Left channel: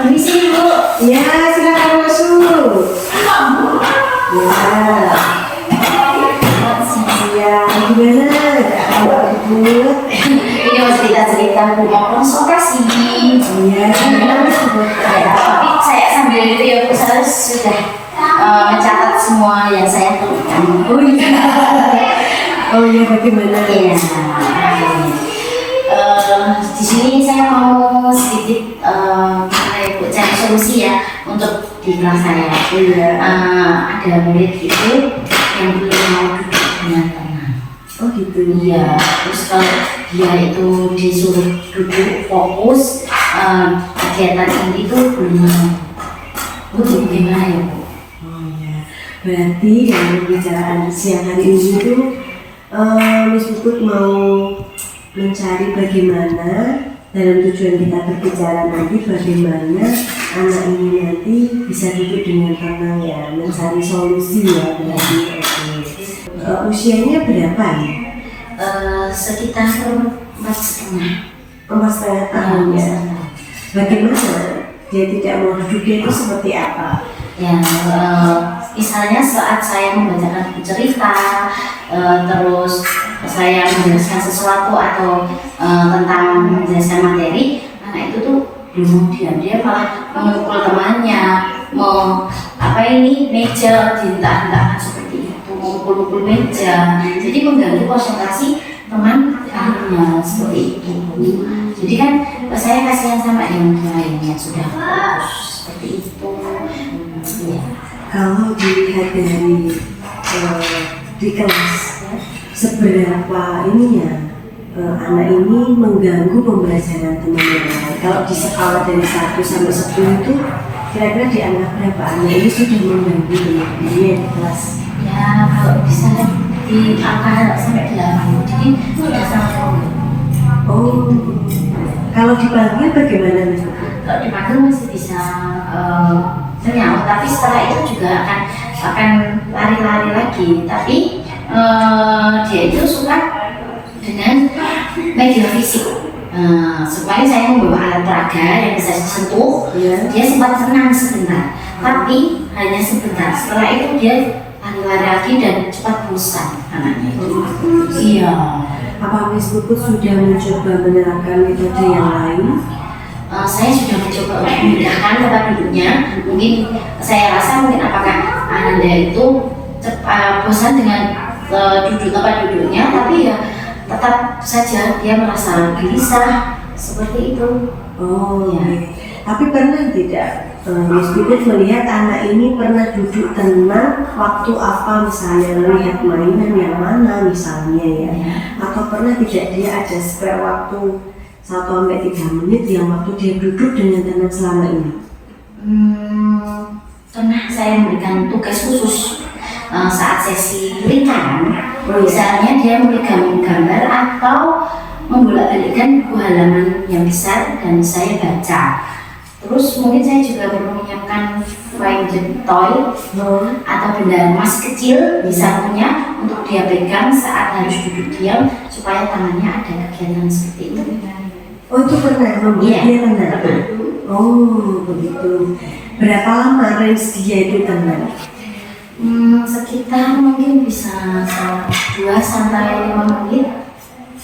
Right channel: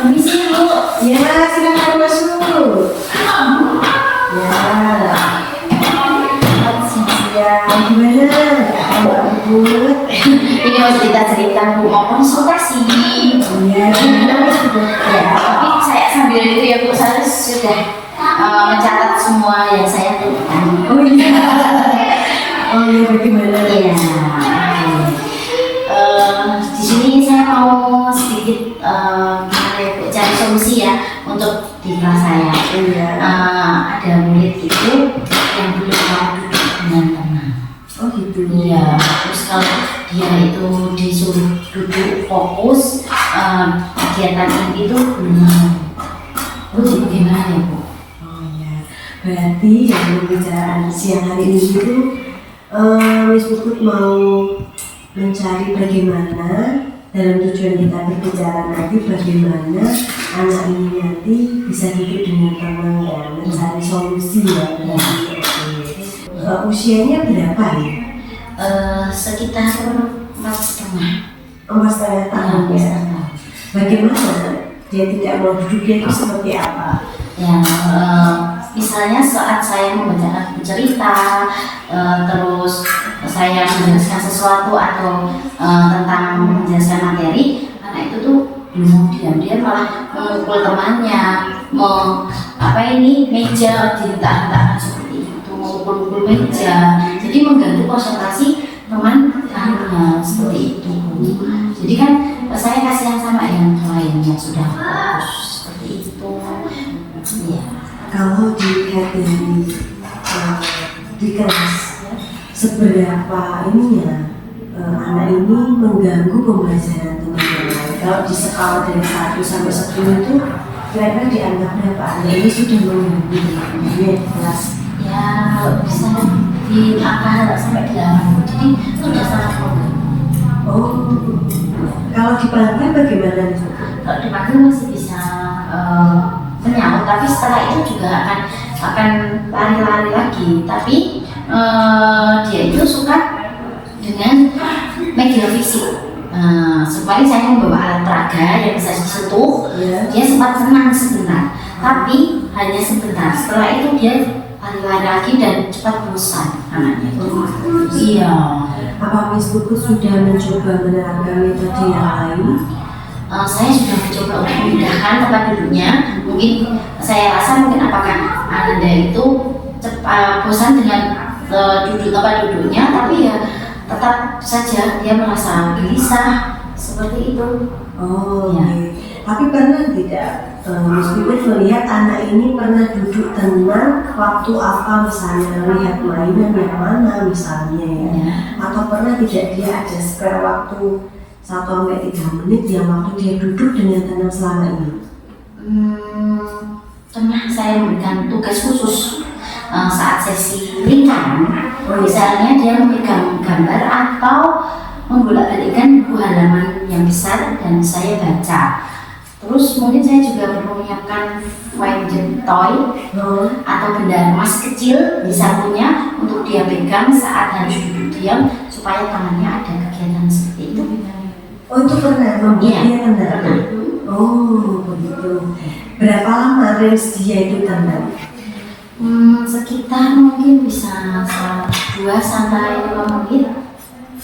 Permisi Bu. Ya, silakan masuk. Ya. Siang-siang gimana? Bu. Ini mau cerita Bu, mau konsultasi. Iya, gimana? Ya, tapi saya sambil itu ya Bu, saya sudah mencatat semua yang saya butuhkan. Oh iya. Oh iya, bagaimana? Iya. Di sini saya mau sedikit gimana ya Bu, cari solusi ya untuk di kelas saya. Iya. Ada murid itu yang belum mau duduk dengan tenang. Oh gitu. Iya. Terus kalau dia itu disuruh duduk fokus kegiatan ini tuh belum mau. Bu, gimana ya Bu? Oh iya. Berarti yang pembicaraan siang hari ini itu Miss Puput mau mencari bagaimana dalam tujuan kita berbicara nanti bagaimana anak ini nanti bisa duduk dengan tenang ya, mencari solusi ya berarti. Oke. Usianya berapa ya? Sekitar 4,5. 4,5 tahun ya. Bagaimana dia tidak mau duduknya itu seperti apa? Ya, misalnya saat saya membacakan buku cerita, terus saya menjelaskan sesuatu atau tentang menjelaskan materi, anak itu tuh belum mau diam, dia malah memukul temannya, meja dihentak-hentak seperti itu, memukul meja, jadi mengganggu konsentrasi teman lainnya seperti itu. Jadi kan saya kasihan sama yang lainnya sudah fokus seperti itu. Ya. Kalau dilihat dari di kelas seberapa ininya anak ini mengganggu pembelajaran teman yang lain. Kalau di skala dari 1 sampai 10 itu kira-kira dianggap berapa anak ini sudah mengganggu teman-temannya di kelas? Ya kalau bisa di angka sampai 8, jadi itu sudah sangat mengganggu. Oh, kalau dipanggil bagaimana? Kalau dipanggil masih bisa menyaut, tapi setelah itu juga akan lari-lari lagi. Tapi dia itu suka dengan media fisik. Supaya saya membawa alat peraga yang bisa disentuh, dia sempat senang sebentar, tapi hanya sebentar. Setelah itu dia lari-lari lagi dan cepat bosan anaknya itu. Iya. Apa Miss Puput sudah mencoba menerapkan metode yang lain? Saya sudah mencoba untuk memindahkan tempat duduknya. Mungkin saya rasa apakah Anda itu bosan dengan duduk tempat duduknya, tapi ya tetap saja dia merasa gelisah seperti itu. Oh ya. Tapi pernah tidak Miss Puput melihat anak ini pernah duduk tenang waktu apa, misalnya melihat mainan yang mana misalnya ya, atau pernah tidak dia ada spare waktu 1-3 menit yang waktu dia duduk dengan tenang selama ini? Pernah saya memberikan tugas khusus saat sesi lingkaran, misalnya dia memegang gambar atau membolak-balikkan buku halaman yang besar dan saya baca. Terus mungkin saya juga perlu menyiapkan find the toy atau benda emas kecil di sakunya untuk dia pegang saat harus duduk diam supaya tangannya ada kegiatan seperti itu. Oh, itu pernah membuat dia tenang? Oh begitu. Berapa lama range dia itu tenang? Sekitar mungkin bisa 2-5 menit.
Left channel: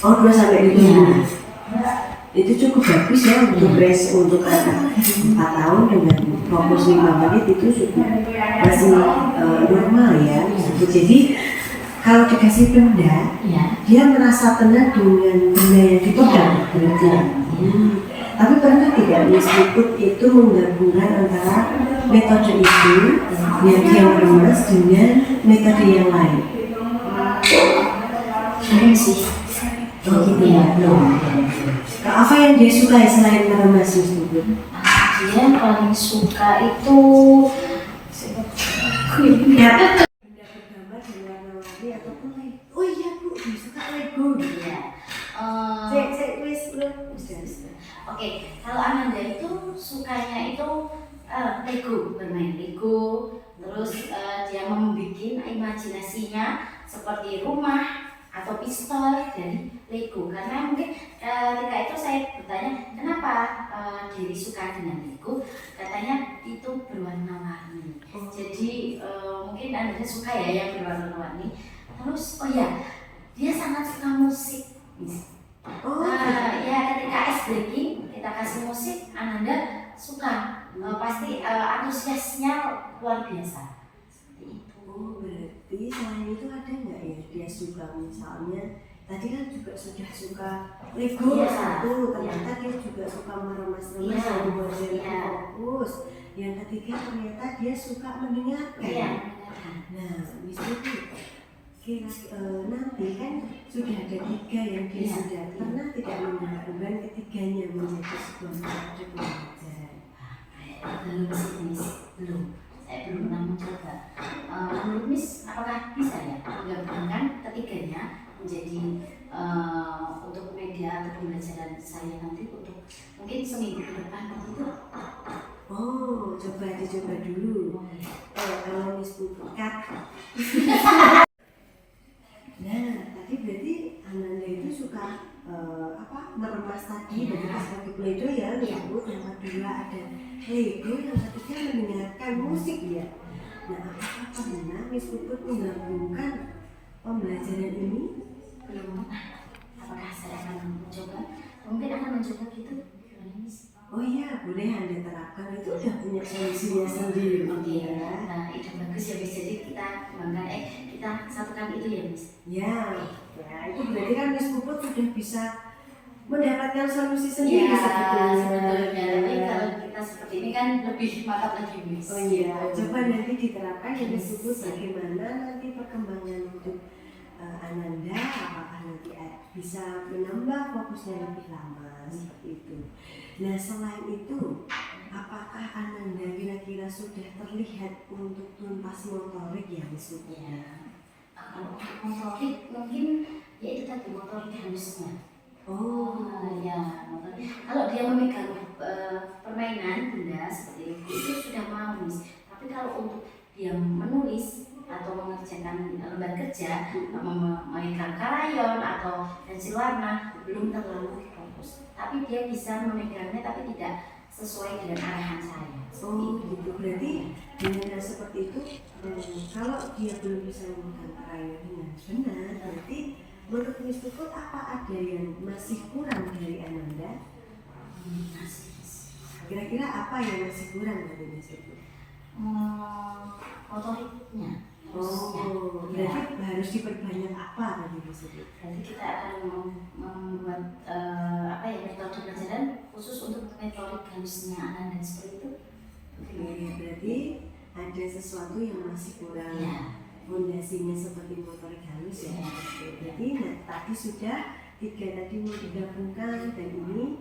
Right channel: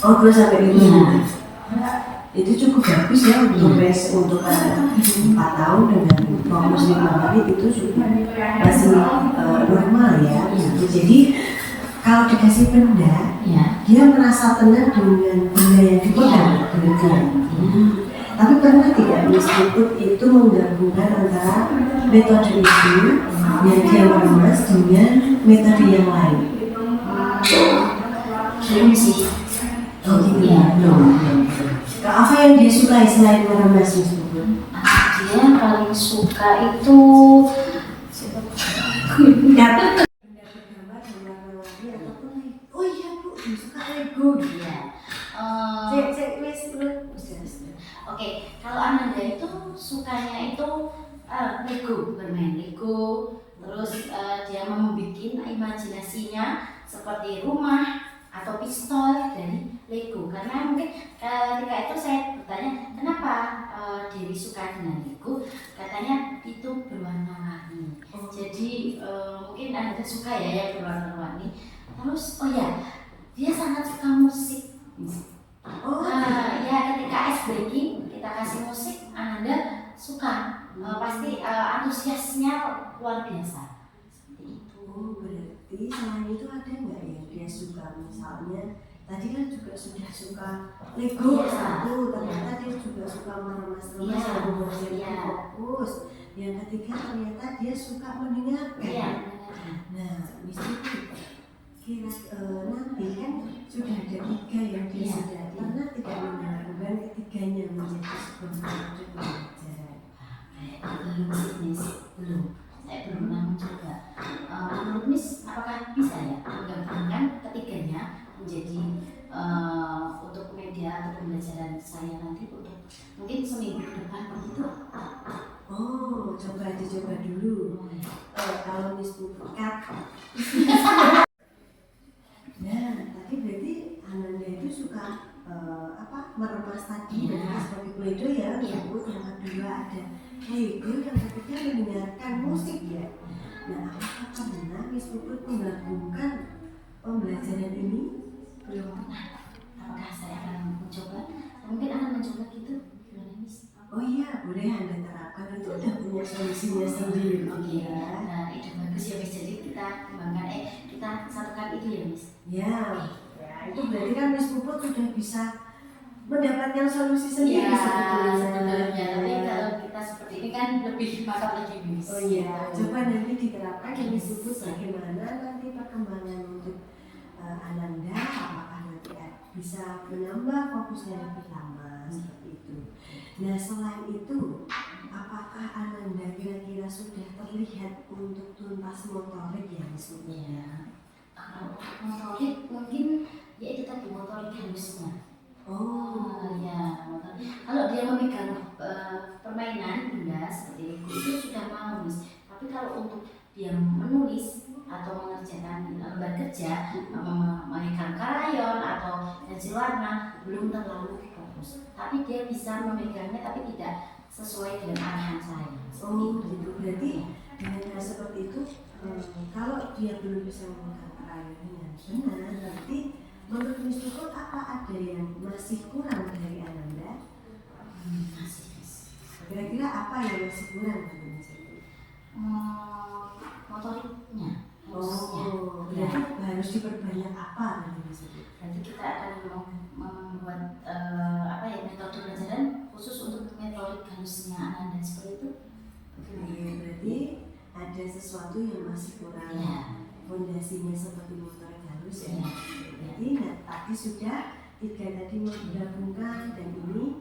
Oh, 2-5 menit. Ya. Itu cukup bagus ya untuk range untuk anak 4 tahun dengan fokus 5 menit itu cukup masih normal ya. Jadi kalau dikasih benda, dia merasa tenang dengan benda yang dipegang. Tapi pernah tidak Miss Puput itu menggabungkan antara metode itu yang dia meremas dengan metode yang lain? Belum sih. Oh gitu ya, belum. Apa yang dia suka selain meremas Miss Puput? Dia paling suka itu oh iya Bu, dia suka Lego gitu ya. Oke, kalau Ananda itu sukanya itu Lego, bermain Lego, terus dia membuat imajinasinya seperti rumah atau pistol dari Lego. Karena mungkin ketika itu saya bertanya kenapa Dewi suka dengan Lego, pasti antusiasnya luar biasa. Seperti itu. Oh, berarti selain itu ada nggak ya dia suka misalnya tadi kan juga sudah suka Lego Iya. satu, ternyata dia juga suka meremas-remas Iya. dan membuat Iya. fokus. Yang ketiga ternyata dia suka mendengarkan. Iya. Nah, misalnya kira nanti kan sudah ada 3 yang dia Iya. sudah pernah tidak menggabungkan ketiganya menjadi sebuah metode pembelajaran. Belum sih, Miss. Belum. Saya belum pernah mencoba. Menurut Miss, apakah bisa ya menggabungkan ketiganya menjadi untuk media atau pembelajaran saya nanti untuk mungkin seminggu ke depan begitu? Oh, coba dicoba dulu. Kalau Miss Pukat. Nah, tadi berarti Ananda itu suka meremas tadi dari sebagai Play-Doh ya, yang kedua ada Lego, yang ketiga mendengarkan musik ya. Nah, apakah pernah Miss Puput menggabungkan pembelajaran ini? Belum. Apakah saya akan mencoba? Mungkin akan mencoba gitu. Gimana, Miss? Oh iya, boleh Anda terapkan, itu udah punya solusinya sendiri. Oke. Ya. Nah, itu bagus ya, Miss. Jadi kita kembangkan, kita satukan itu ya, Miss. Ya, itu berarti kan Miss Puput sudah bisa mendapatkan solusi sendiri sebetulnya. Tapi kalau kita seperti ini kan lebih mantap lagi, Miss. Oh iya, coba nanti diterapkan di Miss Puput bagaimana nanti perkembangan untuk Ananda, apakah nanti bisa menambah fokusnya lebih lama seperti itu. Nah, selain itu, apakah Ananda kira-kira sudah terlihat untuk tuntas motorik ya Miss Puput? Ya. Kalau motorik mungkin ya itu tadi motorik halusnya. Oh, ya. Kalau dia memegang permainan benda seperti itu sudah mau, Miss. Tapi kalau untuk dia menulis atau mengerjakan lembar kerja, memegang krayon atau pensil warna belum terlalu bagus. Tapi dia bisa memegangnya tapi tidak sesuai dengan arahan saya. oh begitu. Berarti dengan seperti itu, kalau dia belum bisa memegang krayon dengan benar, berarti menurut Miss Puput apa ada yang masih kurang dari Ananda? Masih. Kira-kira apa yang masih kurang dari Miss Puput? Motoriknya. Oh, berarti harus diperbanyak apa tadi Miss Puput? Berarti kita akan membuat metode pelajaran khusus untuk metode halusnya Ananda seperti itu. Oke, berarti ada sesuatu yang masih kurang. Ya. Fondasinya seperti motorik halus ya. Berarti tadi sudah 3 tadi mau digabungkan dan ini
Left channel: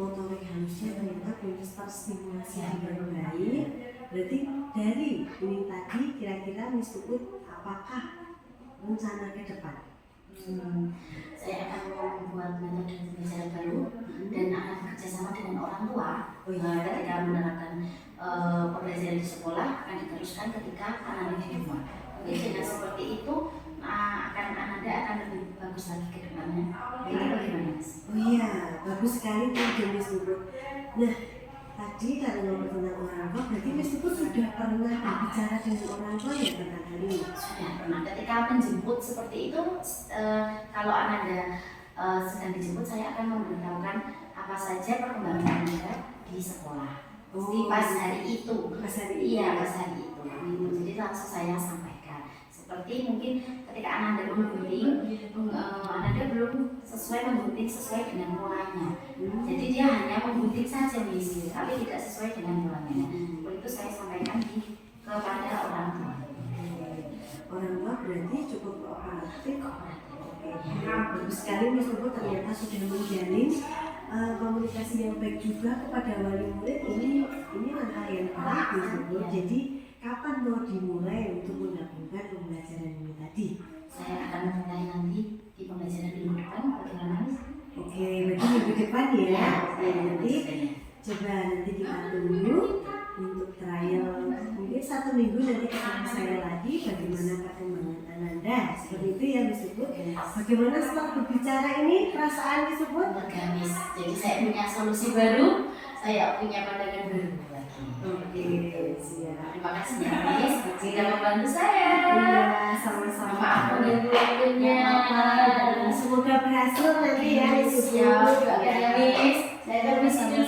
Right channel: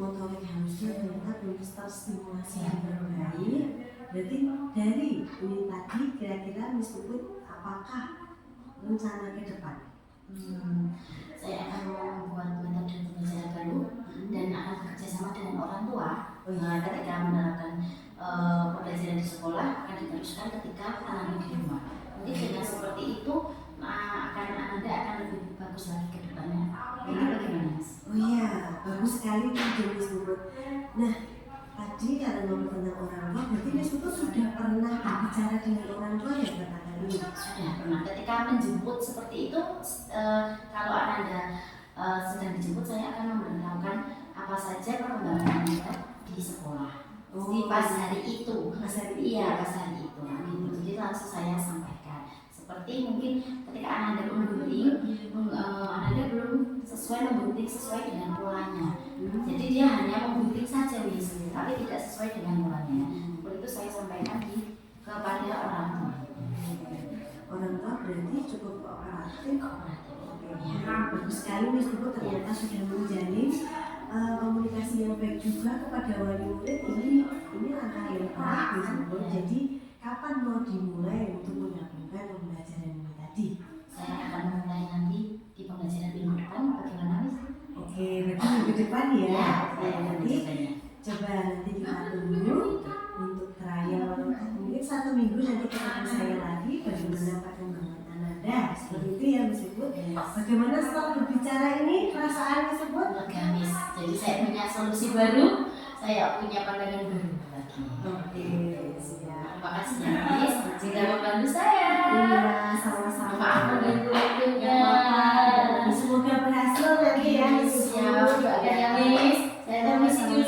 motorik halusnya ternyata belum terstimulasi dengan baik. Berarti dari ini tadi kira-kira Miss Puput apakah rencana ke depan? Saya akan membuat metode pembelajaran baru dan akan bekerja sama dengan orang tua. Ketika menerapkan pembelajaran di sekolah akan diteruskan ketika anak-anak di rumah. Mungkin dengan seperti itu Ananda akan lebih bagus lagi ke depannya. Ini bagaimana, Mas? Oh iya, bagus sekali tuh Miss Puput. Nah, tadi karena ngomong tentang orang tua, berarti Miss Puput sudah pernah berbicara dengan orang tua ya tentang hal ini? Sudah pernah. Ketika menjemput seperti itu, kalau Ananda sedang dijemput, saya akan memberitahukan apa saja perkembangan Ananda di sekolah. Di pas hari itu. Pas hari Iya, pas hari itu. Jadi langsung saya sampaikan. Seperti mungkin ketika Ananda menggunting, Ananda belum menggunting sesuai dengan polanya. Jadi dia hanya menggunting saja Miss, tapi tidak sesuai dengan polanya. Itu saya sampaikan kepada orang tua. Orang tua berarti cukup kooperatif. Bagus sekali Miss Puput ternyata sudah menjalin komunikasi yang baik juga kepada wali murid. Ini langkah yang baik Miss Puput. Jadi kapan mau dimulai untuk menggabungkan pembelajaran ini tadi? Saya akan mulai nanti di pembelajaran minggu depan. Bagaimana Miss? Oke, berarti minggu depan ya. Nanti coba nanti kita tunggu untuk trial. Mungkin 1 minggu nanti ketemu saya lagi bagaimana perkembangan Ananda. Seperti itu ya Miss Puput. Bagaimana setelah berbicara ini perasaan Miss Puput? Lega Miss. Jadi saya punya solusi baru. Saya punya pandangan baru lagi. Oke, siap. Terima kasih ya Miss sudah membantu saya. Iya, sama-sama. Maaf mengganggu-ganggunya. Semoga berhasil nanti ya Miss Puput. Siap, ya Miss. Saya permisi dulu.